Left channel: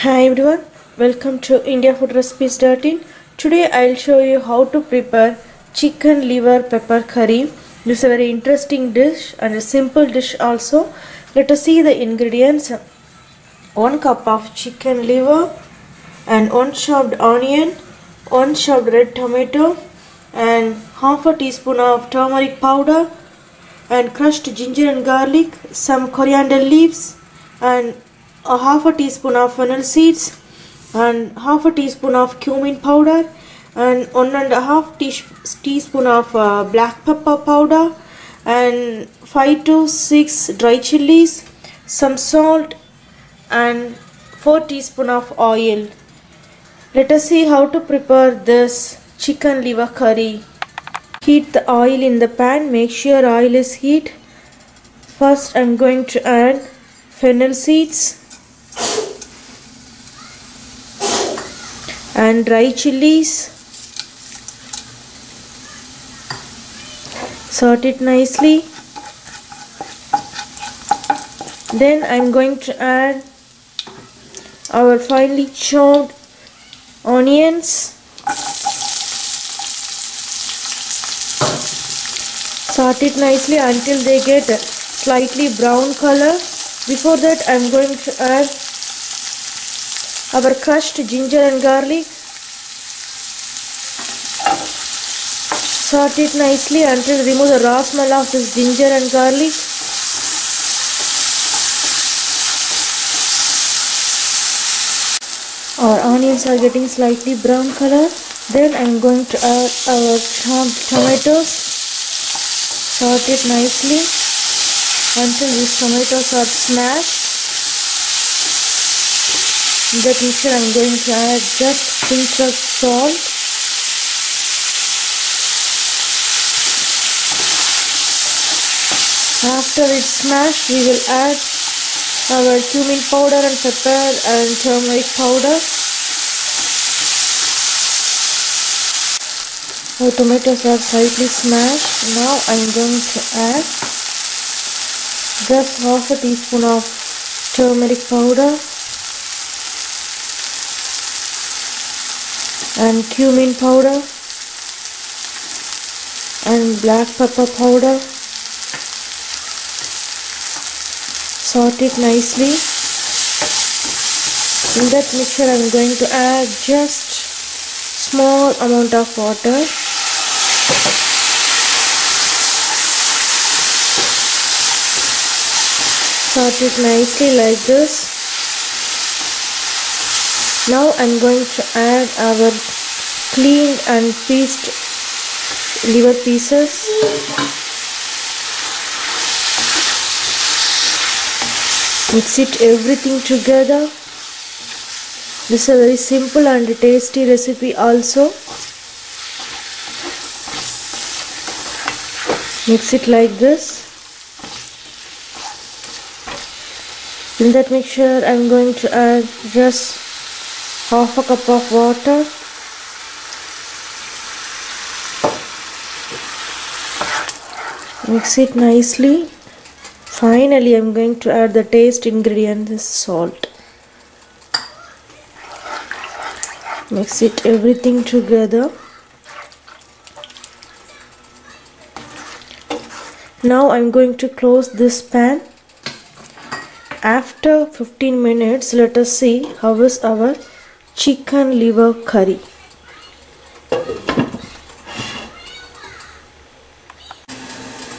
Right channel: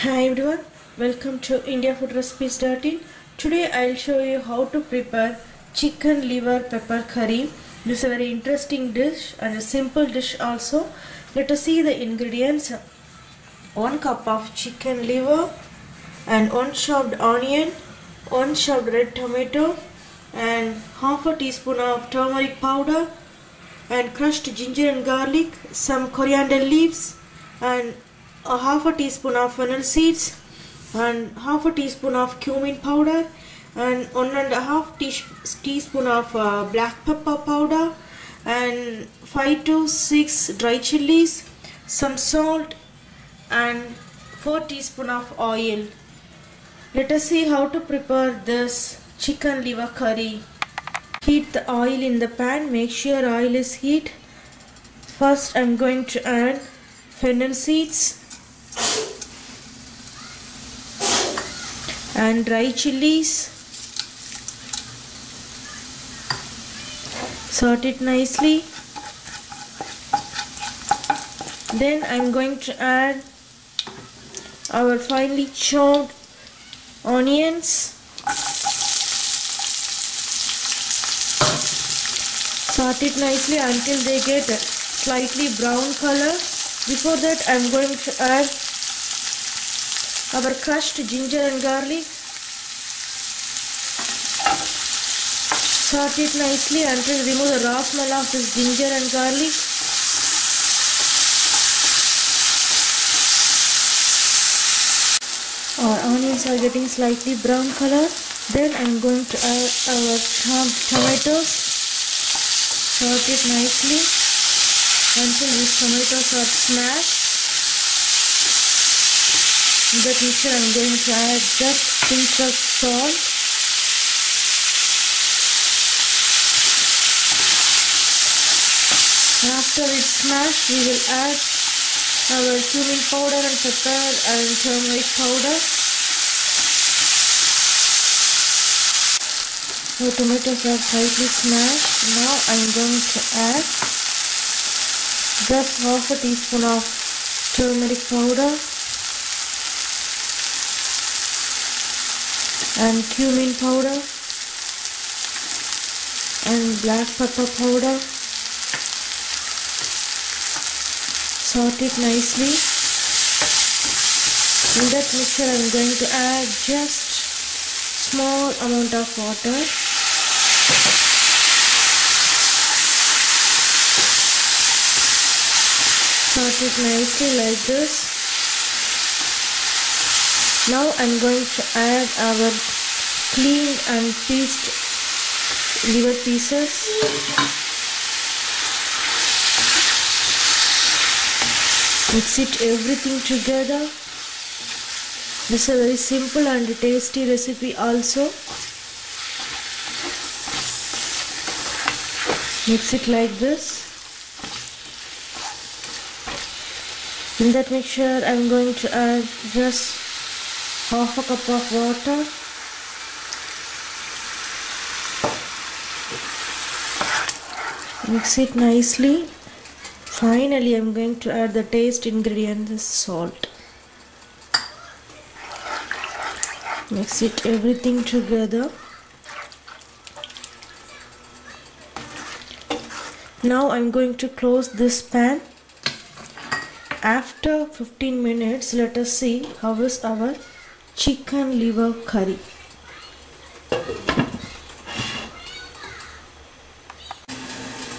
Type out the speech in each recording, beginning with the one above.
Hi everyone, welcome to indiafoodrecipes.in. Today I'll show you how to prepare chicken liver pepper curry. This is a very interesting dish and a simple dish also. Let us see the ingredients. 1 cup of chicken liver and 1 chopped onion, 1 chopped red tomato and half a teaspoon of turmeric powder and crushed ginger and garlic, some coriander leaves and a half a teaspoon of fennel seeds and half a teaspoon of cumin powder and 1.5 teaspoon of black pepper powder and 5 to 6 dry chilies, some salt and 4 teaspoon of oil. Let us see how to prepare this chicken liver curry. Heat the oil in the pan. Make sure oil is heat. First I am going to add fennel seeds and dry chilies. Sort it nicely. Then I am going to add our finely chopped onions. Sort it nicely until they get slightly brown color. Before that I am going to add our crushed ginger and garlic. Sort it nicely until remove the raw smell of this ginger and garlic. Our onions are getting slightly brown color. Then I am going to add our chopped tomatoes. Sort it nicely until these tomatoes are smashed. In that mixture I am going to add just a pinch of salt. After it's smashed, we will add our cumin powder and pepper and turmeric powder. Our tomatoes are slightly smashed. Now I am going to add just half a teaspoon of turmeric powder and cumin powder and black pepper powder. Sort it nicely. In that mixture I am going to add just small amount of water. Sort it nicely like this. Now I am going to add our cleaned and pieced liver pieces. Mix it everything together. This is a very simple and tasty recipe also. Mix it like this. In that mixture I am going to add just half a cup of water. Mix it nicely. Finally I am going to add the taste ingredient, is salt. Mix it everything together. Now I am going to close this pan. After 15 minutes, let us see how is our chicken liver curry.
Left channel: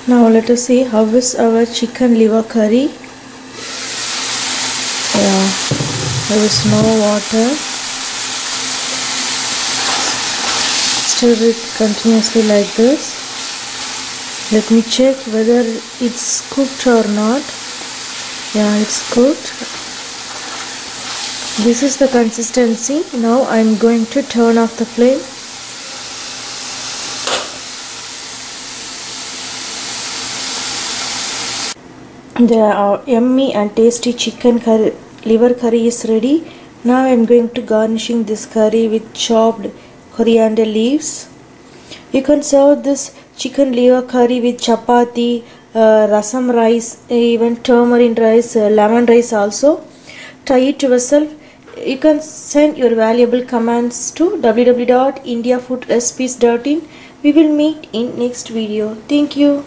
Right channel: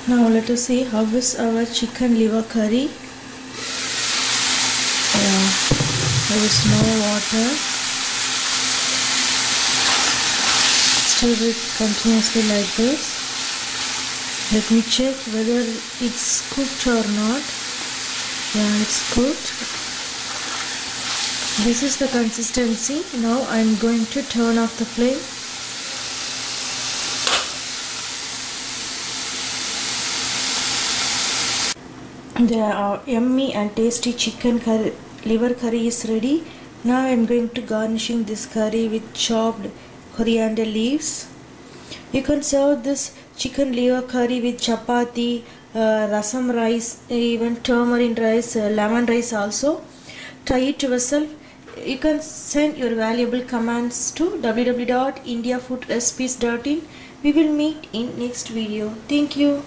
Now let us see how is our chicken liver curry. Yeah, there is no water. Stir it continuously like this. Let me check whether it's cooked or not. Yeah, it's cooked. This is the consistency. Now I am going to turn off the flame. The yummy and tasty chicken curry, liver curry is ready. Now I am going to garnishing this curry with chopped coriander leaves. You can serve this chicken liver curry with chapati, rasam rice, even turmeric rice, lemon rice also. Try it yourself. you can send your valuable comments to www.indiafoodrecipes.in. We will meet in next video. Thank you.